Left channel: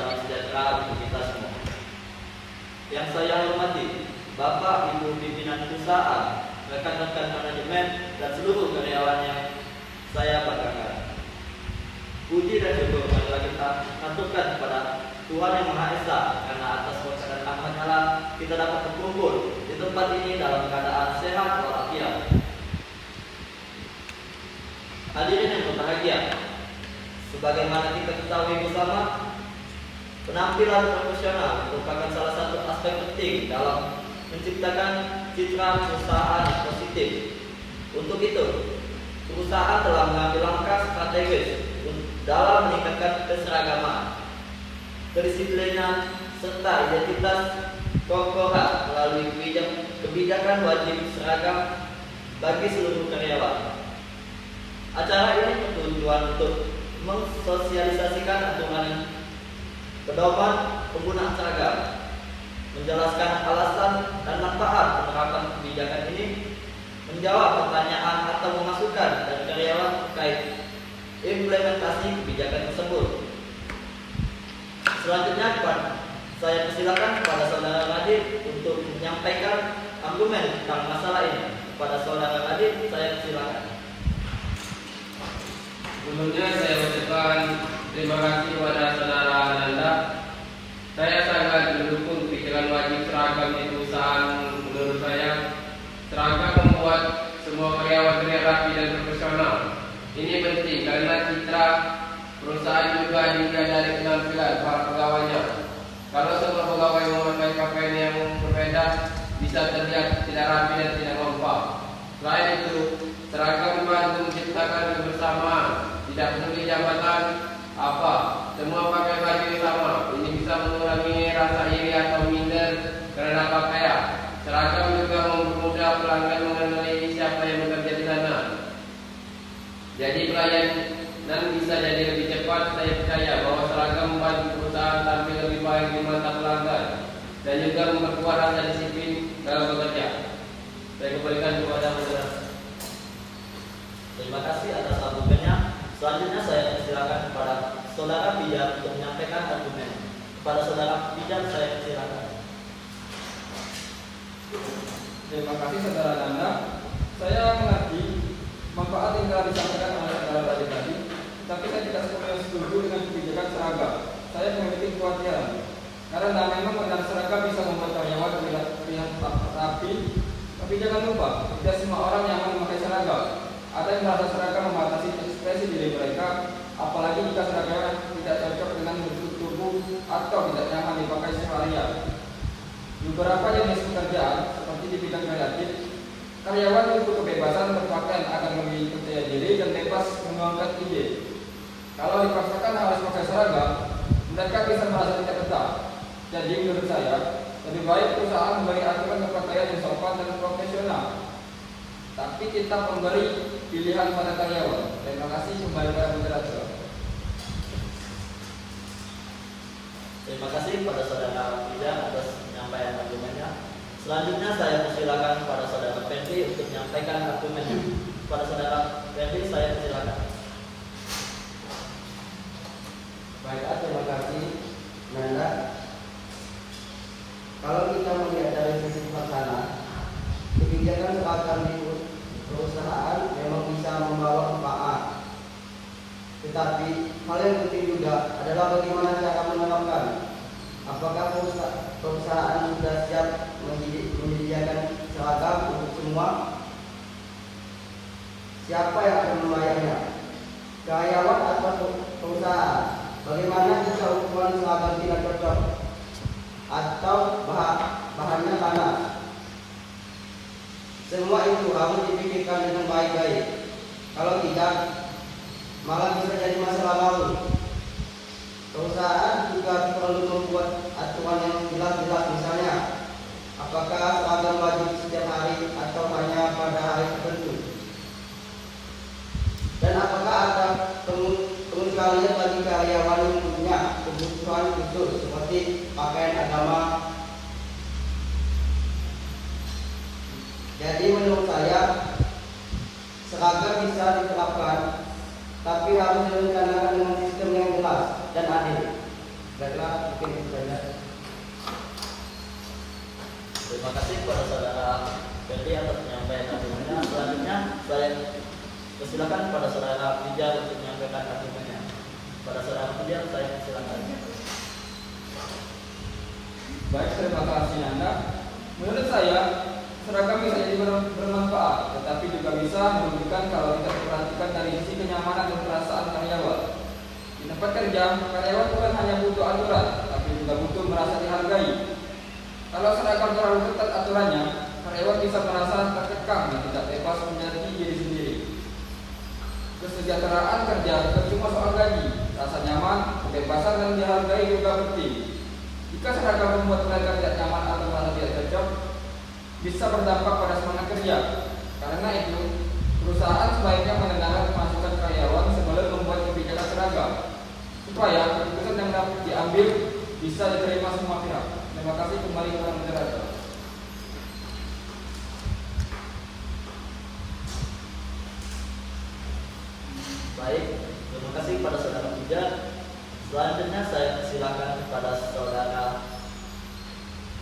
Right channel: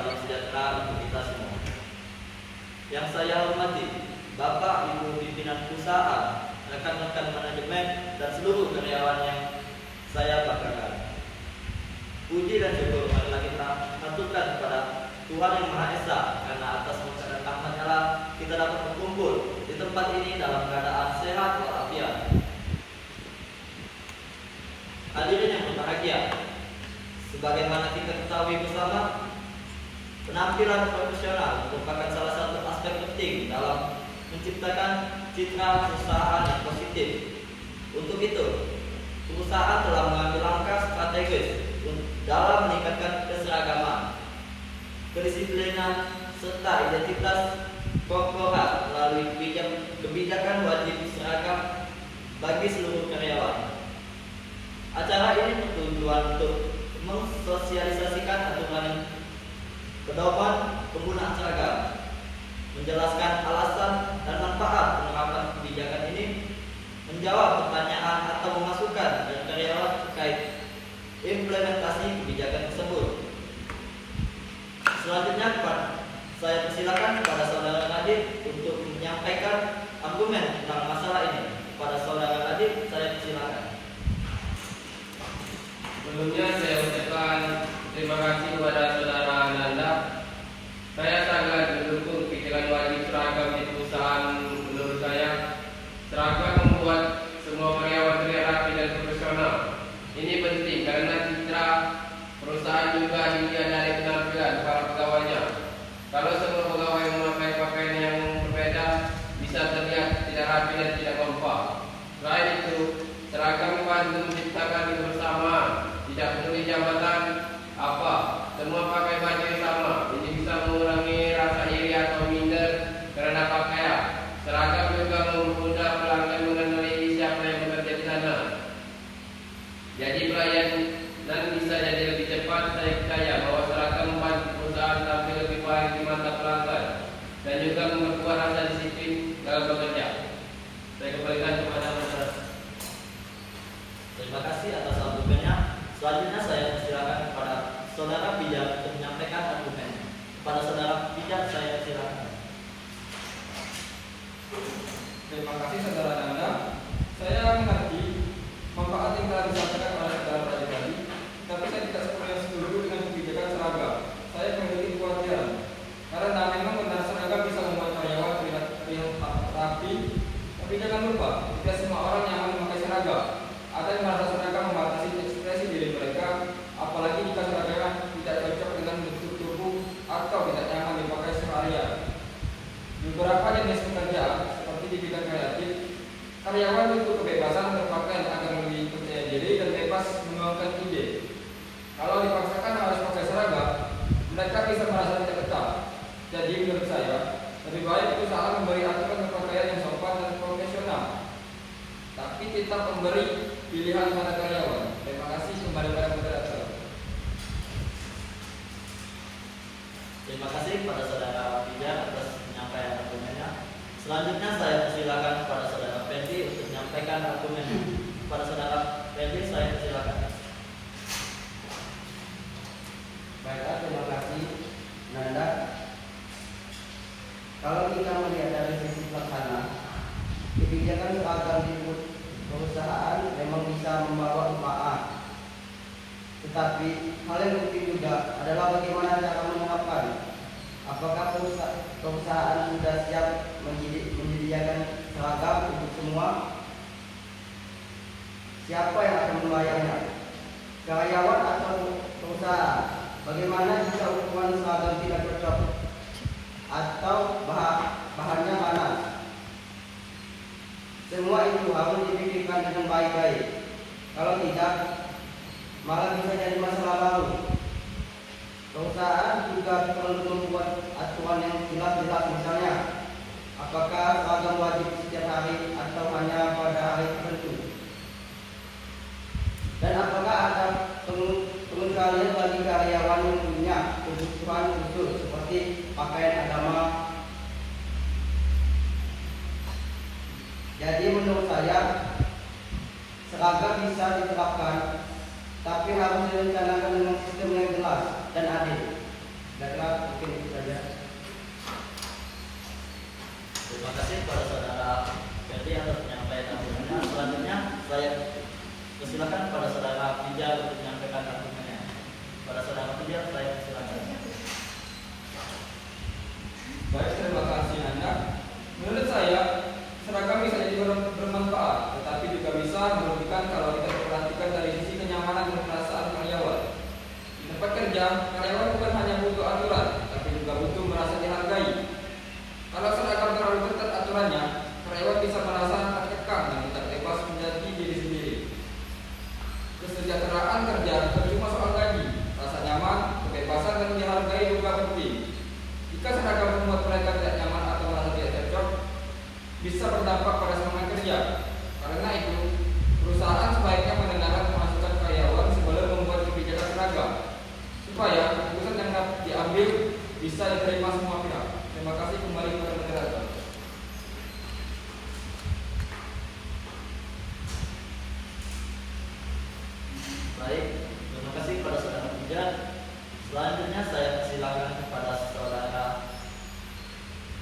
salam sejahtera untuk kita semua. Yang saya hormati Bapak Ibu pimpinan perusahaan, rekan-rekan manajemen, dan seluruh karyawan yang saya banggakan. Puji dan syukur marilah kita aturkan kepada Tuhan Yang Maha Esa, karena atas kuasa dan rahmat-Nya kita dapat berkumpul di tempat ini dalam keadaan sehat walafiat. Hadirin yang berbahagia, sebagaimana kita ketahui bersama, penampilan profesional merupakan salah satu aspek penting dalam menciptakan citra perusahaan yang positif. Untuk itu, perusahaan telah mengambil langkah strategis dalam meningkatkan keseragaman, kedisiplinan, serta identitas korporat melalui kebijakan wajib seragam bagi seluruh karyawan. Acara ini bertujuan untuk mensosialisasikan aturan pedoman penggunaan seragam, menjelaskan alasan dan manfaat penerapan kebijakan ini, menjawab pertanyaan atau memasukkan dari karyawan terkait implementasi kebijakan tersebut. Selanjutnya saya persilakan kepada Saudara Nadib untuk menyampaikan argumen tentang masalah ini. Kepada Saudara Nadib, saya persilakan. Sebelumnya saya ucapkan terima kasih kepada Saudara Ananda. Saya sangat mendukung pikiran wajib seragam di perusahaan. Menurut saya, seragam membuat semua karyawan terlihat rapi dan profesional. Ini penting karena citra perusahaan juga dilihat dari penampilan para pegawainya. Kalau semua pegawai memakai pakaian yang berbeda, bisa terlihat tidak rapi dan tidak kompak. Selain itu, seragam membantu menciptakan kebersamaan. Tidak peduli jabatan apa, semua pakai baju yang sama. Ini bisa mengurangi rasa iri atau minder terhadap pakaian. Seragam juga mempermudah pelanggan mengenali siapa yang bekerja di sana. Jadi pelayanan bisa jadi lebih cepat. Saya percaya bahwa seragam membantu perusahaan tampil lebih baik di mata pelanggan dan juga memperkuat rasa disiplin dalam bekerja. Saya kembalikan kepada saudara. Terima kasih atas argumennya. Selanjutnya saya persilakan kepada Saudara Pijat untuk menyampaikan argumen. Kepada Saudara Pijat saya persilakan. Terima kasih Saudara Nanda. Saya mengerti manfaat yang telah disampaikan oleh Saudara Raja tadi, tapi saya tidak sepenuhnya setuju dengan kebijakan seragam. Saya memiliki kekhawatiran karena memang penggunaan seragam bisa membuat karyawan terlihat rapi, tapi jangan lupa tidak semua orang nyaman memakai seragam. Ada yang merasa seragam membatasi ekspresi diri mereka, apalagi jika seragamnya tidak cocok dengan bentuk tubuh atau tidak nyaman dipakai seharian. Di beberapa jenis pekerjaan, seperti di bidang kreatif, karyawan memiliki kebebasan berpakaian agar lebih percaya diri dan bebas menuangkan ide. Kalau dipaksakan harus pakai seragam, mereka bisa merasa tidak betah. Jadi menurut saya, lebih baik perusahaan memberi aturan berpakaian yang sopan dan profesional, tapi tetap memberi pilihan pada karyawan. Terima kasih. Kembali pada moderator. Terima kasih kepada Saudara Pijat atas penyampaian argumennya. Selanjutnya saya persilakan kepada Saudara Fendi untuk menyampaikan argumennya. Kepada Saudara Fendi saya persilakan. Baiklah, terima kasih Nanda. Kalau kita melihat dari sisi pelaksana, kebijakan seragam di perusahaan memang bisa membawa manfaat. Tetapi hal yang penting juga adalah bagaimana cara menerapkan. Apakah perusahaan sudah siap menyediakan seragam untuk semua? Siapa yang akan membayarnya? Karyawan atau perusahaan? Bagaimana jika ukuran seragam tidak cocok atau bahannya panas? Semua itu harus dipikirkan dengan baik-baik. Kalau tidak, malah bisa jadi masalah baru. Perusahaan juga perlu membuat aturan yang jelas-jelas, misalnya apakah seragam wajib setiap hari atau hanya pada hari tertentu, dan apakah ada pengecualian bagi karyawan yang punya kebutuhan khusus seperti pakaian agama. Jadi menurut saya seragam bisa diterapkan, tapi harus direncanakan dengan sistem yang jelas dan adil. Baiklah, Mungkin itu saja. Terima kasih kepada saudara Ferdi atas penyampaian argumennya. Selanjutnya saya persilakan kepada saudara Pijar untuk menyampaikan argumennya. Pada saudara Pijar saya persilakan. Baik, terima kasih Nanda. Menurut saya, seragam bisa jadi bermanfaat, tetapi juga bisa merugikan kalau tidak diperhatikan dari sisi kenyamanan dan perasaan karyawan. Di tempat kerja, karyawan bukan hanya butuh aturan, tapi juga butuh merasa dihargai. Kalau seragam terlalu ketat aturannya, karyawan bisa merasa terkekang dan tidak bebas menjadi diri sendiri. Kesejahteraan kerja bukan cuma soal gaji, rasa nyaman, kebebasan dan dihargai juga penting. Jika seragam membuat mereka tidak nyaman atau merasa tidak cocok, bisa berdampak pada semangat kerja. Karena itu, perusahaan sebaiknya mendengarkan masukan karyawan sebelum membuat kebijakan seragam, supaya keputusan yang dapat diambil bisa diterima semua pihak. Terima kasih, kembali kepada moderator. Baik, terima kasih kepada saudara Pijar. Selanjutnya saya persilakan kepada saudara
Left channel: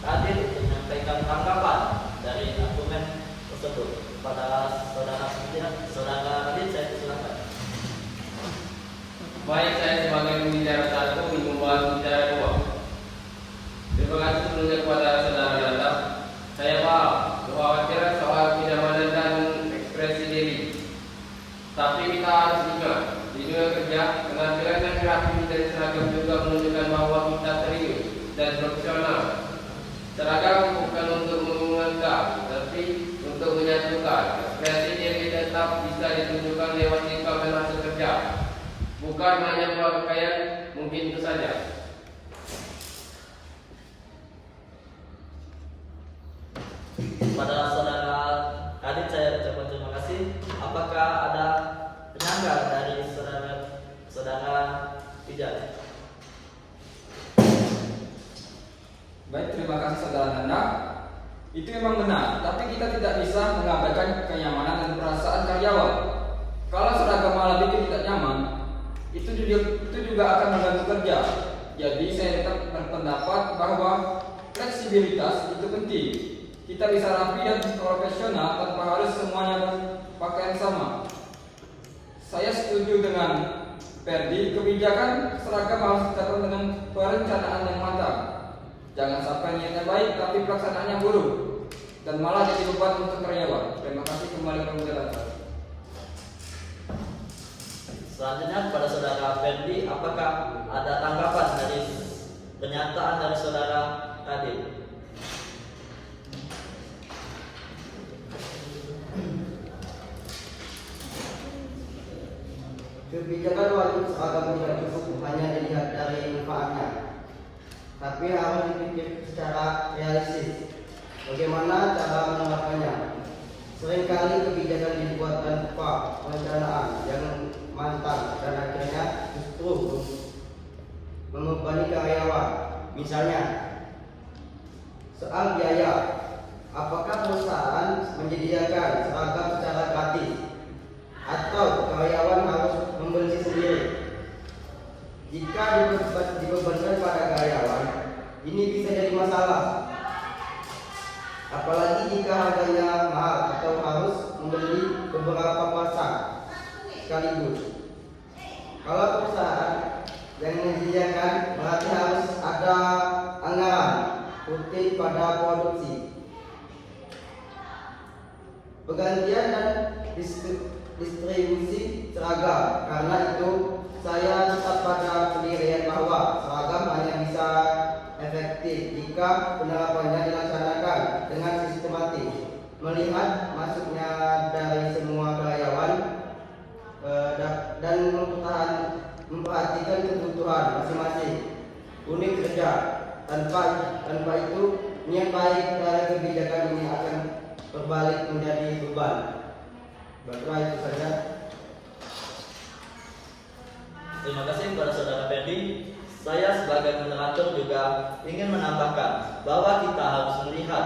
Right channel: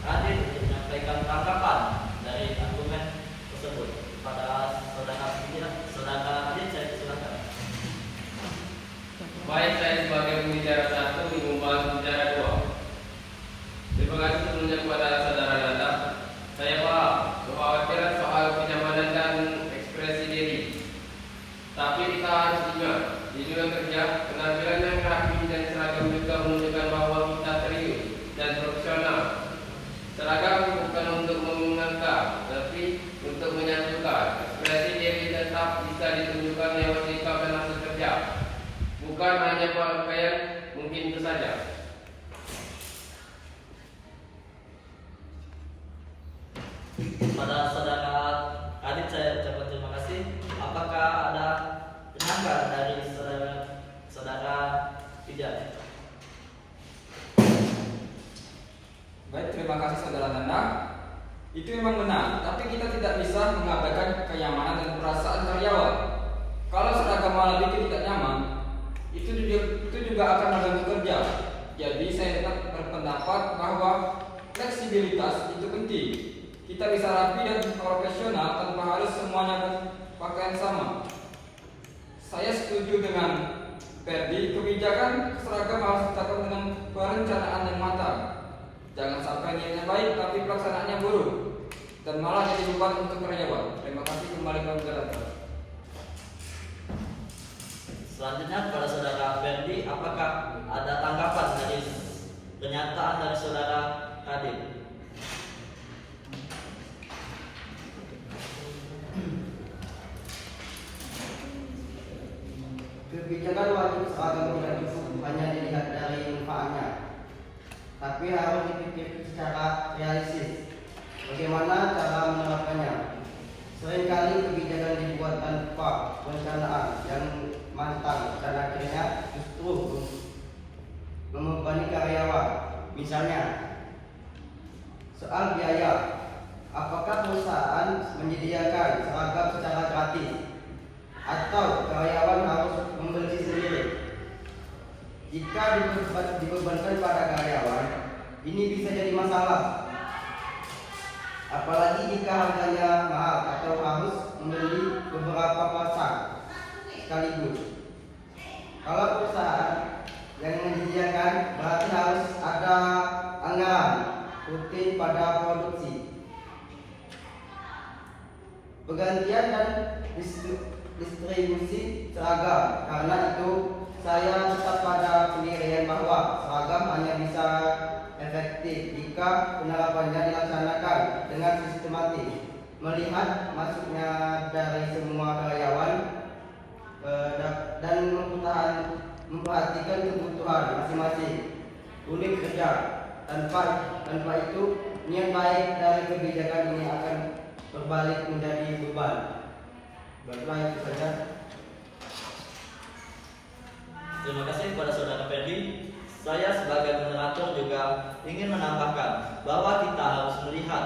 Kadir untuk menyampaikan tanggapan dari argumen tersebut. Kepada saudara Pijar, saudara Kadir saya persilakan. Baik, saya sebagai pembicara satu membahas pembicara dua. Terima kasih sebelumnya kepada saudara Nanda. Saya paham kekhawatiran soal kenyamanan dan ekspresi diri. Tapi kita harus ingat, di dunia kerja, penampilan yang rapi dan seragam juga menunjukkan bahwa kita serius dan profesional. Seragam bukan untuk mengangkat, tapi untuk menyatukan. Ekspresi diri tetap bisa ditunjukkan lewat sikap dan hasil kerja, bukan hanya pakaian. Mungkin itu saja. Pada saudara Kadit saya ucapkan terima kasih. Apakah ada penyanggah dari saudara Pijar? Baik, terima kasih saudara Nanda. Itu memang benar, tapi kita tidak bisa mengabaikan kenyamanan dan perasaan karyawan. Kalau seragam malah bikin tidak nyaman, itu juga akan mengganggu kerja. Jadi saya tetap berpendapat bahwa fleksibilitas itu penting. Kita bisa rapi dan profesional tanpa harus semuanya berpakaian sama. Saya setuju dengan Ferdi, kebijakan seragam harus ditetapkan dengan perencanaan yang matang. Jangan sampai niatnya baik tapi pelaksanaannya buruk dan malah jadi beban untuk karyawan. Terima kasih, kembali ke moderator. Selanjutnya kepada saudara Ferdi, apakah ada tanggapan dari pernyataan dari saudara Kadit? Kebijakan wajib seragam itu hanya dilihat dari manfaatnya, tapi harus dipikir secara realistis. Bagaimana cara menerapkannya? Seringkali kebijakan dibuat tanpa perencanaan yang matang dan akhirnya justru membebani karyawan. Misalnya, soal biaya, apakah perusahaan menyediakan seragam secara gratis atau karyawan harus membeli sendiri? Jika dibebankan pada karyawan, ini bisa jadi masalah. Apalagi jika harganya mahal atau harus membeli beberapa pasang sekaligus. Kalau perusahaan yang menyediakan, berarti harus ada anggaran rutin pada produksi, penggantian dan distribusi seragam. Karena itu saya tetap pada pendirian bahwa seragam hanya bisa efektif jika penerapannya dilaksanakan dengan sistematis, melihat masuknya dari semua karyawan dan memperhatikan kebutuhan masing-masing unit kerja. Tanpa itu, niat baik dari kebijakan ini akan berbalik menjadi beban. Baiklah, itu saja. Terima kasih kepada saudara Ferdi. Saya sebagai moderator juga ingin menambahkan bahwa kita harus melihat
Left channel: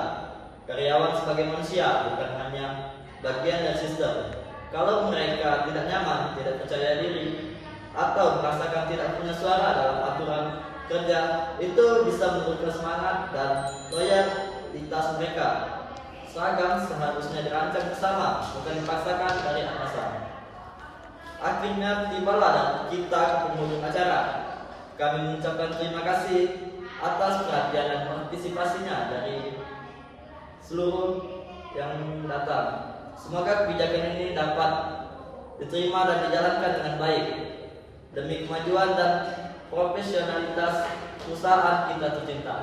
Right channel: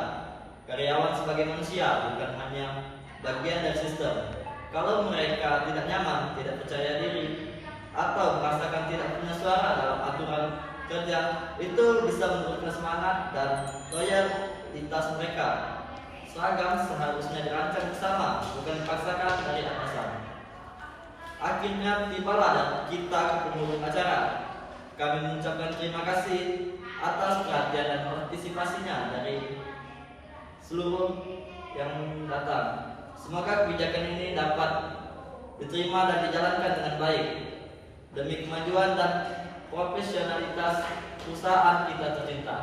karyawan sebagai manusia, bukan hanya bagian dari sistem. Kalau mereka tidak nyaman, tidak percaya diri, atau merasakan tidak punya suara dalam aturan kerja itu bisa menurunkan semangat dan loyalitas mereka. Seragam seharusnya dirancang bersama, bukan dipaksakan dari atasan. Akhirnya tibalah dan kita ke penghujung acara. Kami mengucapkan terima kasih atas perhatian dan partisipasinya dari seluruh yang datang. Semoga kebijakan ini dapat diterima dan dijalankan dengan baik demi kemajuan dan profesionalitas perusahaan kita tercinta.